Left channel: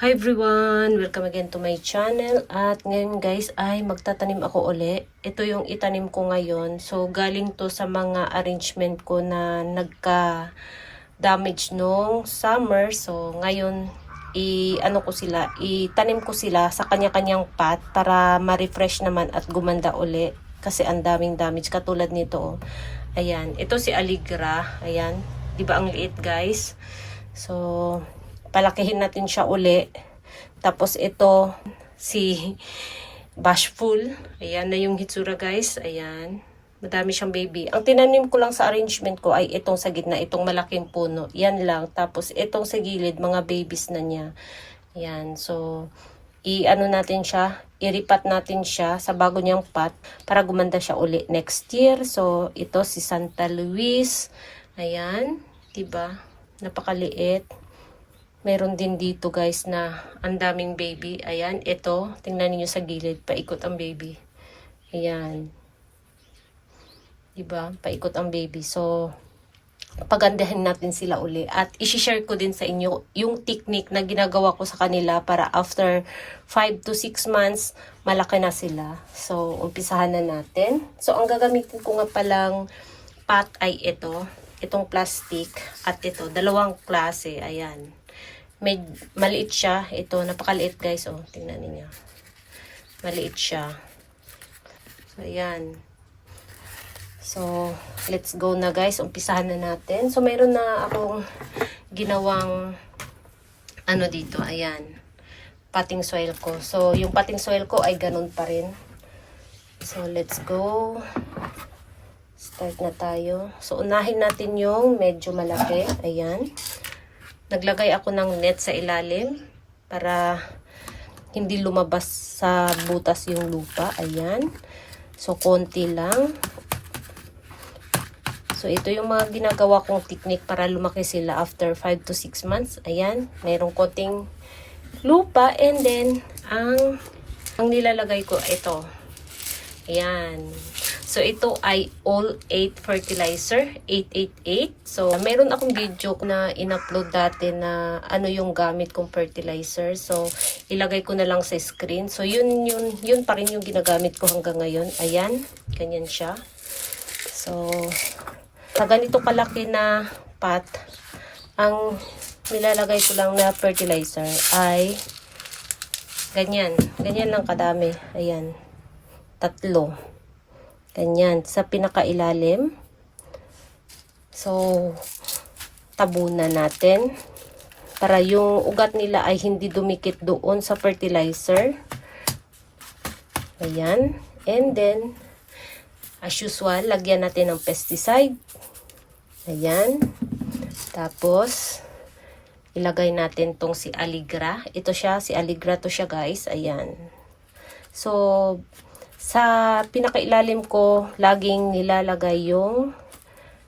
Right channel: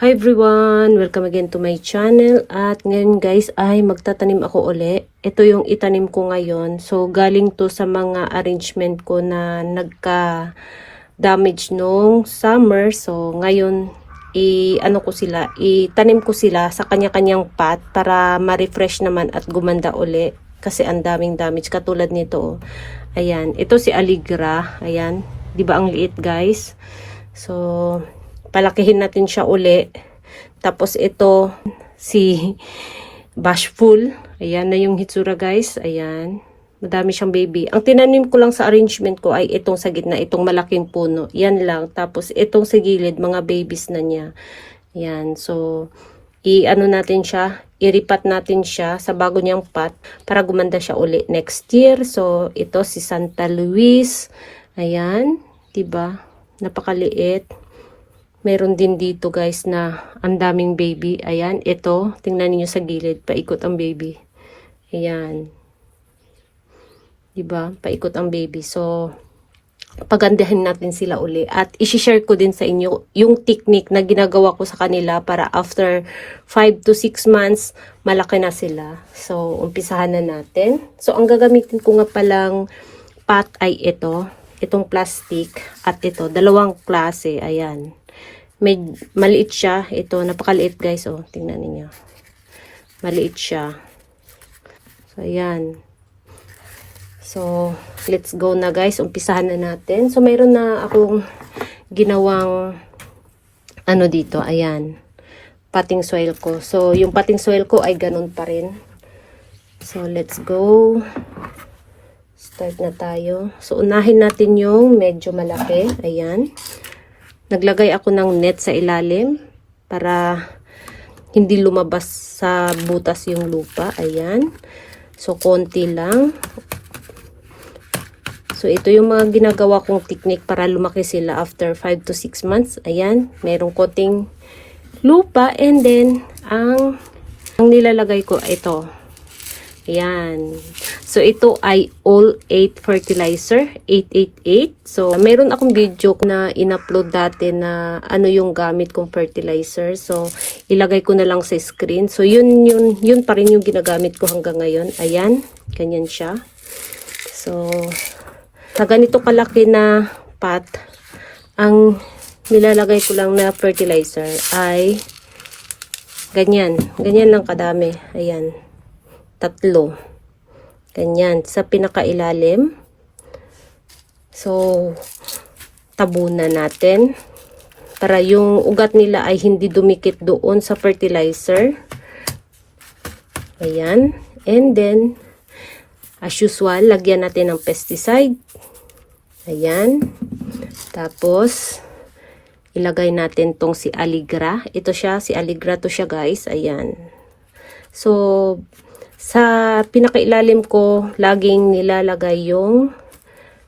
Hi everyone! Welcome again to my channel. At ngayon guys ay magtatanim ako uli. Ito yung itanim ko ngayon. So galing to sa mga arrangement ko na nagka-damage nung summer. So ngayon itanim ko sila sa kanya-kanyang pot para ma-refresh naman at gumanda uli. Kasi ang daming damage katulad nito. Ayan, ito si Aligra. Ayan, 'di ba ang liit guys? So palakihin natin siya uli. Tapos ito, si Bashful. Ayan na yung hitsura guys. Ayan. Madami siyang baby. Ang tinanim ko lang sa arrangement ko ay itong sa gitna, itong malaking puno. Yan lang. Tapos itong sa gilid, mga babies na niya. Ayan. So, i-ano natin siya, iripat natin siya sa bago niyang pot para gumanda siya uli next year. So, ito si Santa Luis. Ayan. Diba? Napakaliit. Meron din dito guys na ang daming baby. Ayan, ito. Tingnan niyo sa gilid. Paikot ang baby. Ayan. Diba? Paikot ang baby. So, pagandahin natin sila uli. At isi-share ko din sa inyo yung technique na ginagawa ko sa kanila para after 5 to 6 months, malaki na sila. So, umpisahan na natin. So, ang gagamitin ko nga palang pot ay ito. Itong plastic. At ito. Dalawang klase. Ayan. Maliit siya. Ito, napakaliit guys. Oh, tingnan niyo. Maliit siya. So, ayan. So, let's go na guys. Umpisahan na natin. So, mayroon na akong ginawang ano dito. Ayan. Potting soil ko. So, yung potting soil ko ay ganun pa rin. So, let's go. Start na tayo. So, unahin natin yung medyo malaki. Ayan. Naglagay ako ng net sa ilalim para hindi lumabas sa butas yung lupa. Ayan. So, konti lang. So, ito yung mga ginagawa kong technique para lumaki sila after 5 to 6 months. Ayan. Merong konting lupa. And then, ang nilalagay ko, ito. Ayan. So, ito ay all 8 fertilizer, 888. So, meron akong video na in-upload dati na ano yung gamit kong fertilizer. So, ilagay ko na lang sa screen. So, yun pa rin yung ginagamit ko hanggang ngayon. Ayan, ganyan siya. So, na ganito kalaki na pot, ang nilalagay ko lang na fertilizer ay ganyan. Ganyan lang kadami. Ayan, 3. Ganyan, sa pinakailalim. So, tabunan natin para yung ugat nila ay hindi dumikit doon sa fertilizer. Ayan. And then, as usual, lagyan natin ng pesticide. Ayan. Tapos, ilagay natin tong si Aligra. Ito siya, si Aligra to siya guys. Ayan. So, sa pinakailalim ko, laging nilalagay yung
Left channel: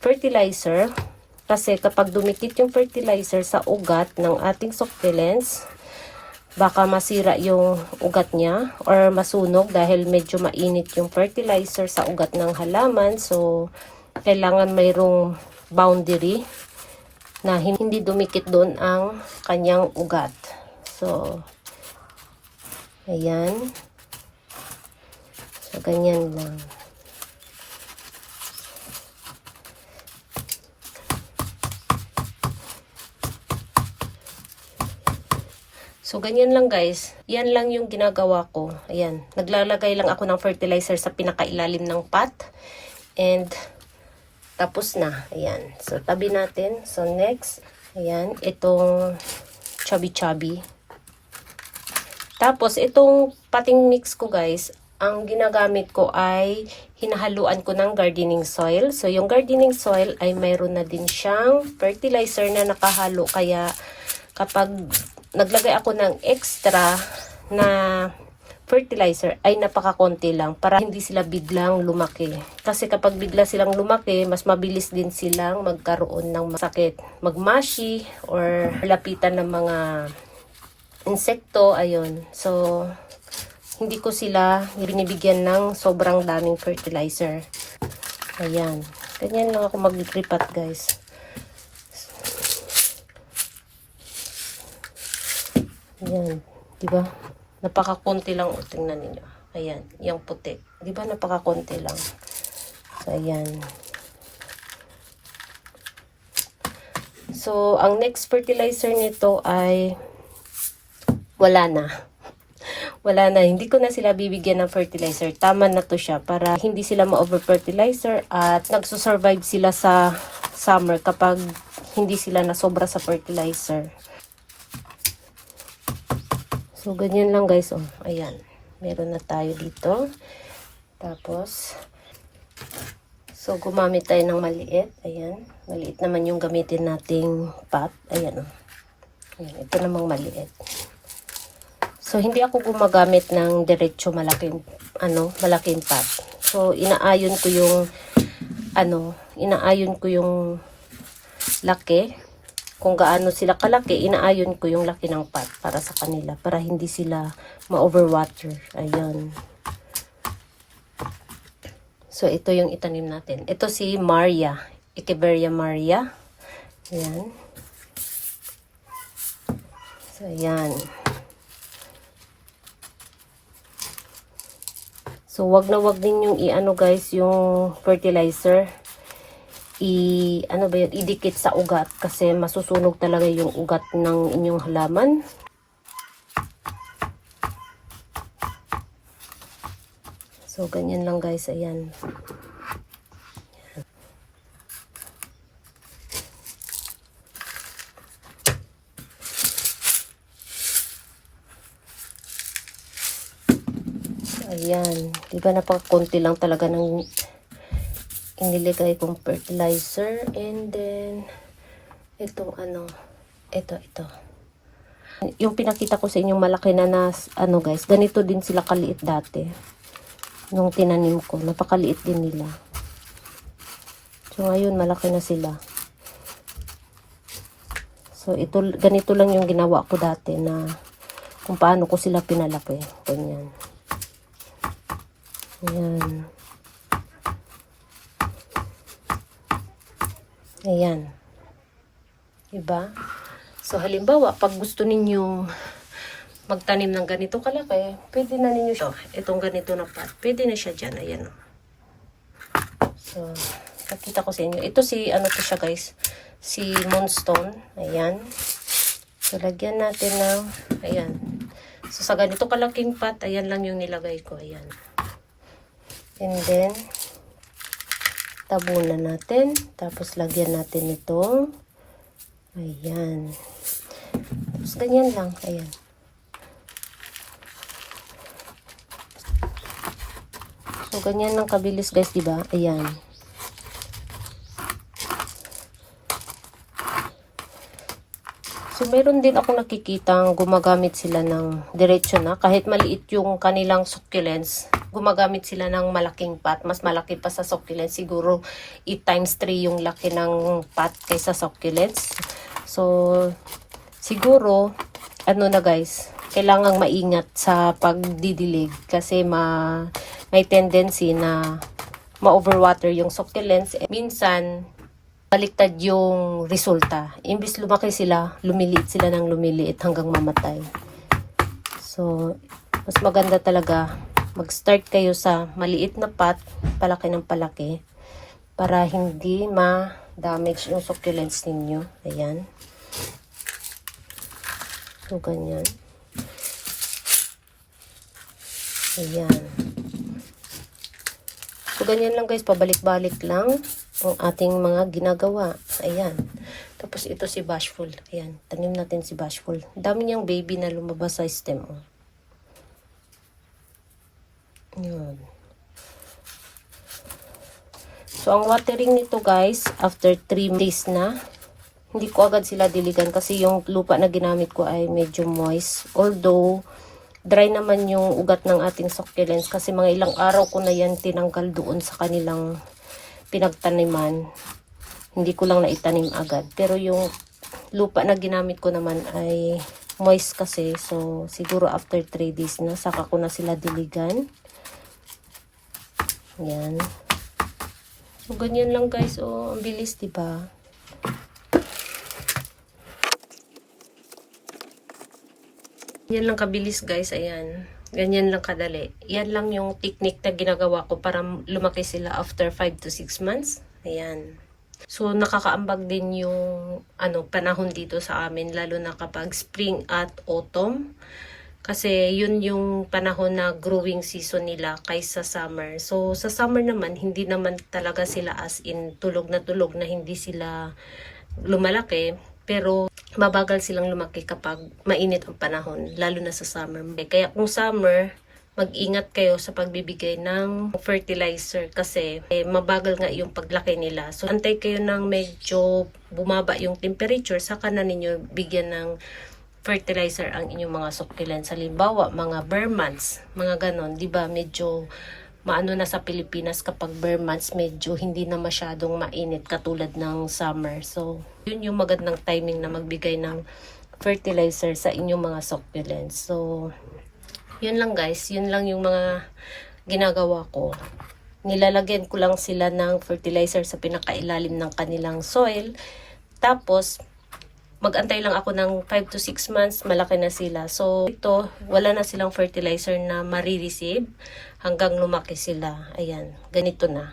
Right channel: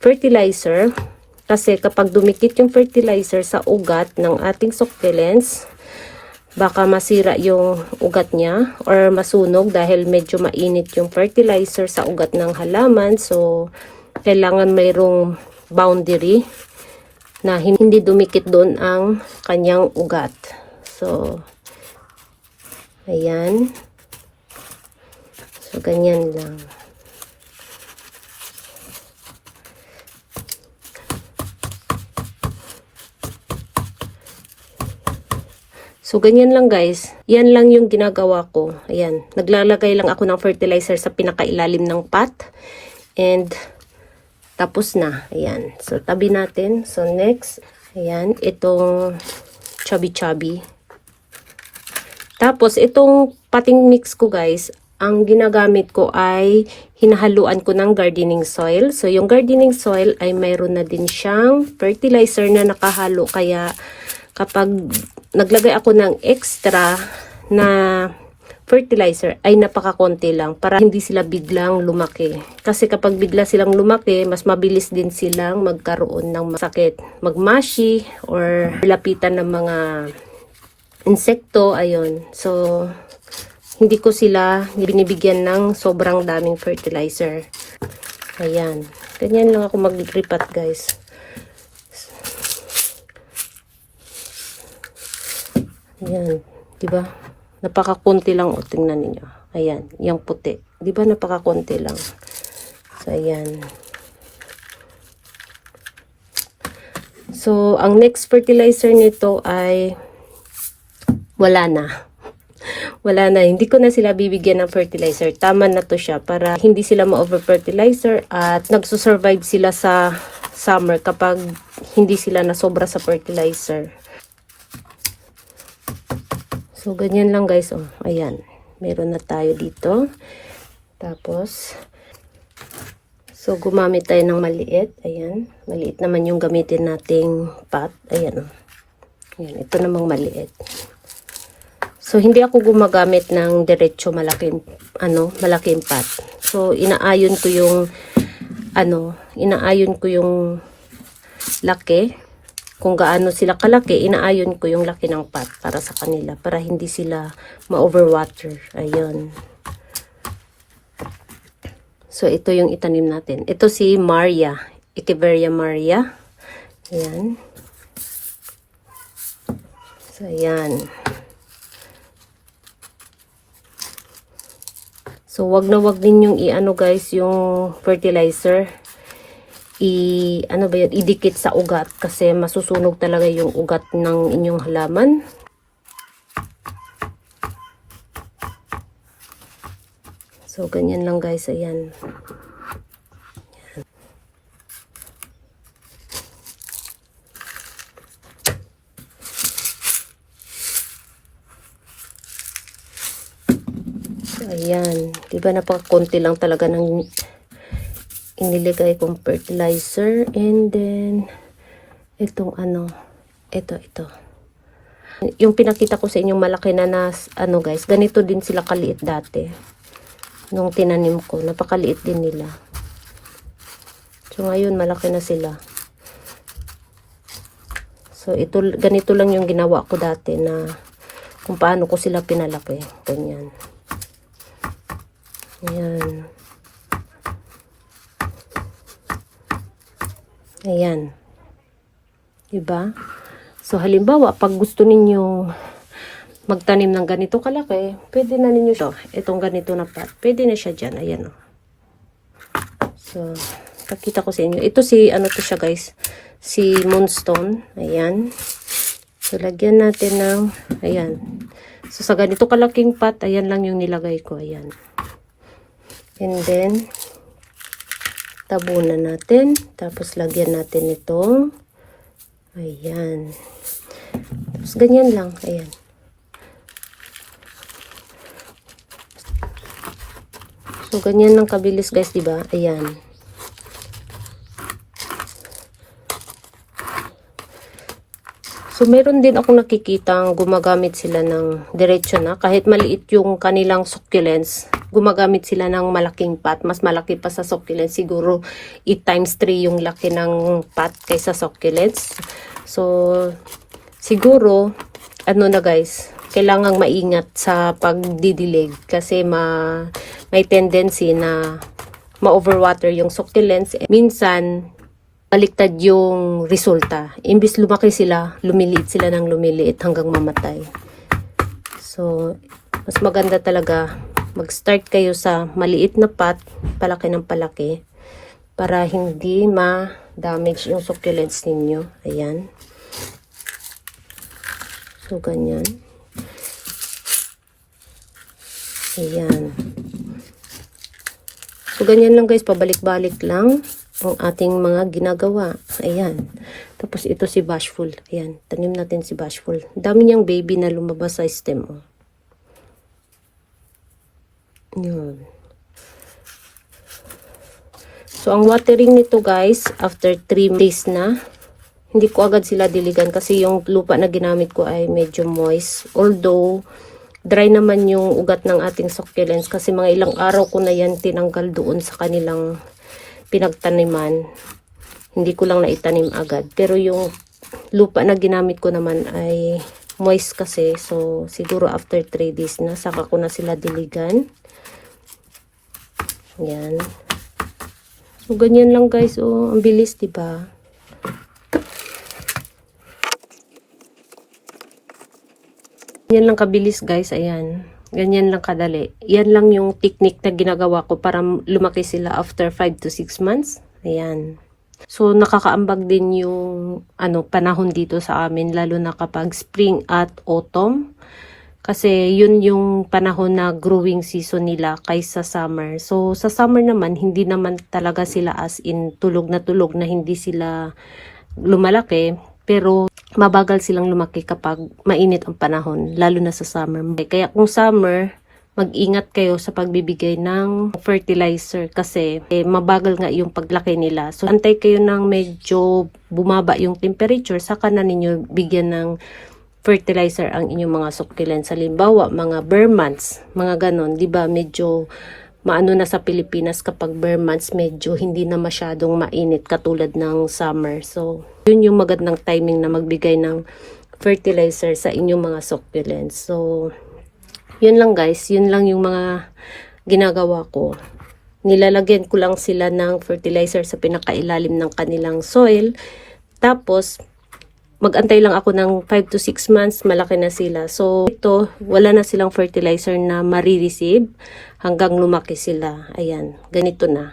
fertilizer. Kasi kapag dumikit yung fertilizer sa ugat ng ating succulents, baka masira yung ugat niya or masunog dahil medyo mainit yung fertilizer sa ugat ng halaman. So, kailangan mayroong boundary na hindi dumikit doon ang kanyang ugat. So, ayan. So, ganyan lang. So, ganyan lang guys. Yan lang yung ginagawa ko. Ayan. Naglalagay lang ako ng fertilizer sa pinakailalim ng pot. And, tapos na. Ayan. So, tabi natin. So, next. Ayan. Itong chubby-chubby. Tapos, itong potting mix ko guys, ang ginagamit ko ay hinahaluan ko ng gardening soil. So, yung gardening soil ay mayroon na din siyang fertilizer na nakahalo. Kaya, kapag naglagay ako ng extra na fertilizer, ay napakakonti lang para hindi sila biglang lumaki. Kasi kapag bigla silang lumaki, mas mabilis din silang magkaroon ng sakit. Magmashi or lapitan ng mga insekto. Ayun. So, hindi ko sila binibigyan ng sobrang daming fertilizer. Ayan. Ganyan lang ako mag-ripat guys. Ayan. Diba? Napakakunti lang. O, tingnan ninyo. Ayan. Yung puti. Diba napakakunti lang. So, ayan. So, ang next fertilizer nito ay wala na. Wala na. Hindi ko na sila bibigyan ng fertilizer. Tama na to siya para hindi sila ma-over-fertilizer at nagsusurvive sila sa summer kapag hindi sila nasobra sa fertilizer. So, ganyan lang guys. Oh, ayan. Meron na tayo dito. Tapos, so, gumamit tayo ng maliit. Ayan. Maliit naman yung gamitin nating pot. Ayan. Ayan. Ito namang maliit. So, hindi ako gumagamit ng diretso malaking pot. So, inaayon ko yung laki. Kung gaano sila kalaki, inaayon ko yung laki ng pot para sa kanila. Para hindi sila ma-overwater. Ayun. So, ito yung itanim natin. Ito si Maria. Echeveria Maria. Ayan. So, ayan. So, wag na wag ninyong guys, yung fertilizer. Idikit sa ugat kasi masusunog talaga yung ugat ng inyong halaman. So, ganyan lang guys. Ayan. Ayan. Diba napakakunti lang talaga ng iniligay kong fertilizer. And then, itong ito. Yung pinakita ko sa inyong malaki na guys, ganito din sila kaliit dati. Nung tinanim ko, napakaliit din nila. So, ngayon, malaki na sila. So, ganito lang yung ginawa ko dati na kung paano ko sila pinalaki. Ganyan. Ayan. Ayan. Diba? So, halimbawa, pag gusto ninyong magtanim ng ganito kalaki, pwede na ninyo siya. Itong ganito na pot. Pwede na siya dyan. Ayan. So, pakita ko sa inyo. Ito to siya guys. Si Moonstone. Ayan. So, lagyan natin ng, ayan. So, sa ganito kalaking pot, ayan lang yung nilagay ko. Ayan. And then, tabunan natin. Tapos, lagyan natin itong, ayan. Tapos, ganyan lang. Ayan. So, ganyan lang kabilis guys, diba? Ayan. So, meron din ako nakikitang gumagamit sila ng diretso na. Kahit maliit yung kanilang succulents, gumagamit sila ng malaking pot. Mas malaki pa sa succulents. Siguro 8 times 3 yung laki ng pot kaysa succulents. So, siguro, na guys, kailangang maingat sa pagdidilig. Kasi may tendency na ma-overwater yung succulents. Minsan, baliktad yung resulta. Imbis lumaki sila, lumiliit sila ng lumiliit hanggang mamatay. So, mas maganda talaga mag-start kayo sa maliit na pot, palaki ng palaki, para hindi ma-damage yung succulents ninyo. Ayan. So, ganyan. Ayan. So, ganyan lang guys, pabalik-balik lang ang ating mga ginagawa. Ayan. Tapos ito si Bashful. Ayan. Tanim natin si Bashful. Dami niyang baby na lumabas sa stem. Ayan. So, ang watering nito guys, after 3 days na, hindi ko agad sila diligan kasi yung lupa na ginamit ko ay medyo moist. Although, dry naman yung ugat ng ating succulents kasi mga ilang araw ko na yan tinanggal doon sa kanilang pinagtaniman. Hindi ko lang naitanim agad. Pero yung lupa na ginamit ko naman ay moist kasi. So, siguro after 3 days na, saka ko na sila diligan. Yan. So, ganyan lang guys. Oh, ang bilis, diba? Yan lang kabilis guys, ayan. Ganyan lang kadali. Yan lang yung technique na ginagawa ko para lumaki sila after 5 to 6 months. Ayan. So, nakakaambag din yung panahon dito sa amin, lalo na kapag spring at autumn. Kasi yun yung panahon na growing season nila kaysa summer. So, sa summer naman, hindi naman talaga sila as in tulog na hindi sila lumalaki. Pero, mabagal silang lumaki kapag mainit ang panahon, lalo na sa summer. Kaya kung summer, mag-ingat kayo sa pagbibigay ng fertilizer kasi mabagal nga yung paglaki nila. So, antay kayo ng medyo bumaba yung temperature, saka na ninyo bigyan ng fertilizer ang inyong mga succulents. Halimbawa, mga bare months, mga ganon, di ba? Medyo maano na sa Pilipinas kapag bare months, medyo hindi na masyadong mainit katulad ng summer. So, yun yung magandang timing na magbigay ng fertilizer sa inyong mga succulents. So, yun lang guys, yun lang yung mga ginagawa ko. Nilalagyan ko lang sila ng fertilizer sa pinakailalim ng kanilang soil. Tapos, mag-antay lang ako ng 5 to 6 months, malaki na sila. So, ito, wala na silang fertilizer na marireceive hanggang lumaki sila. Ayan, ganito na.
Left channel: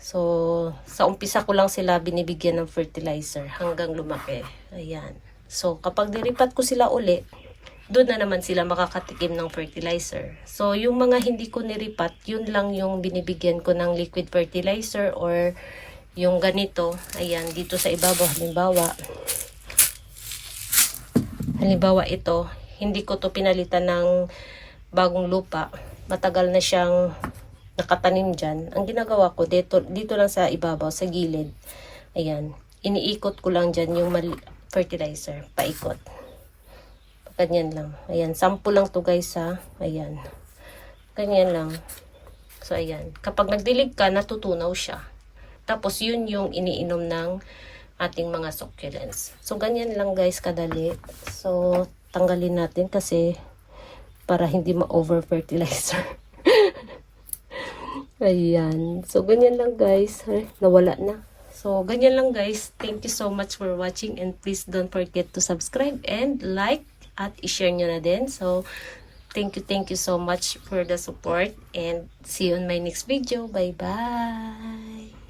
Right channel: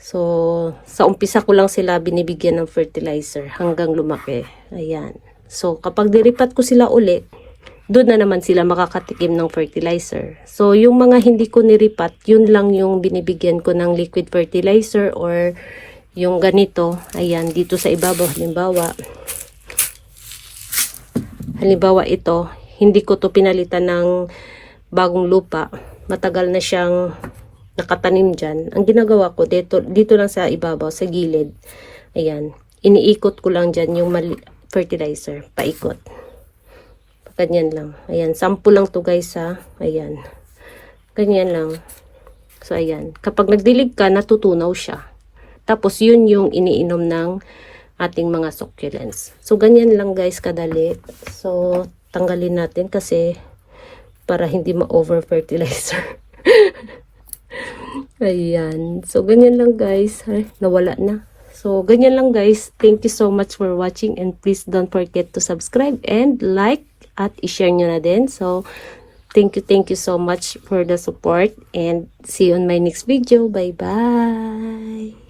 So, sa umpisa ko lang sila binibigyan ng fertilizer hanggang lumaki. Ayan. So, kapag diripat ko sila uli, doon na naman sila makakatikim ng fertilizer. So, yung mga hindi ko niripat, yun lang yung binibigyan ko ng liquid fertilizer or yung ganito. Ayan, dito sa ibabaw, halimbawa ito, hindi ko to pinalitan ng bagong lupa. Matagal na siyang nakatanim dyan. Ang ginagawa ko, dito lang sa ibabaw, sa gilid. Ayan, iniikot ko lang dyan yung fertilizer, paikot. Ganyan lang. Ayan, sample lang to guys ha. Ayan. Ganyan lang. So, ayan. Kapag nagdilig ka, natutunaw siya. Tapos, yun yung iniinom ng ating mga succulents. So, ganyan lang guys kadali. So, tanggalin natin kasi para hindi ma-over fertilizer. Ayan. So, ganyan lang guys. Ay, nawala na. So, ganyan lang guys. Thank you so much for watching and please don't forget to subscribe and like at i-share nyo na din. So, thank you so much for the support and see you on my next video. Bye-bye!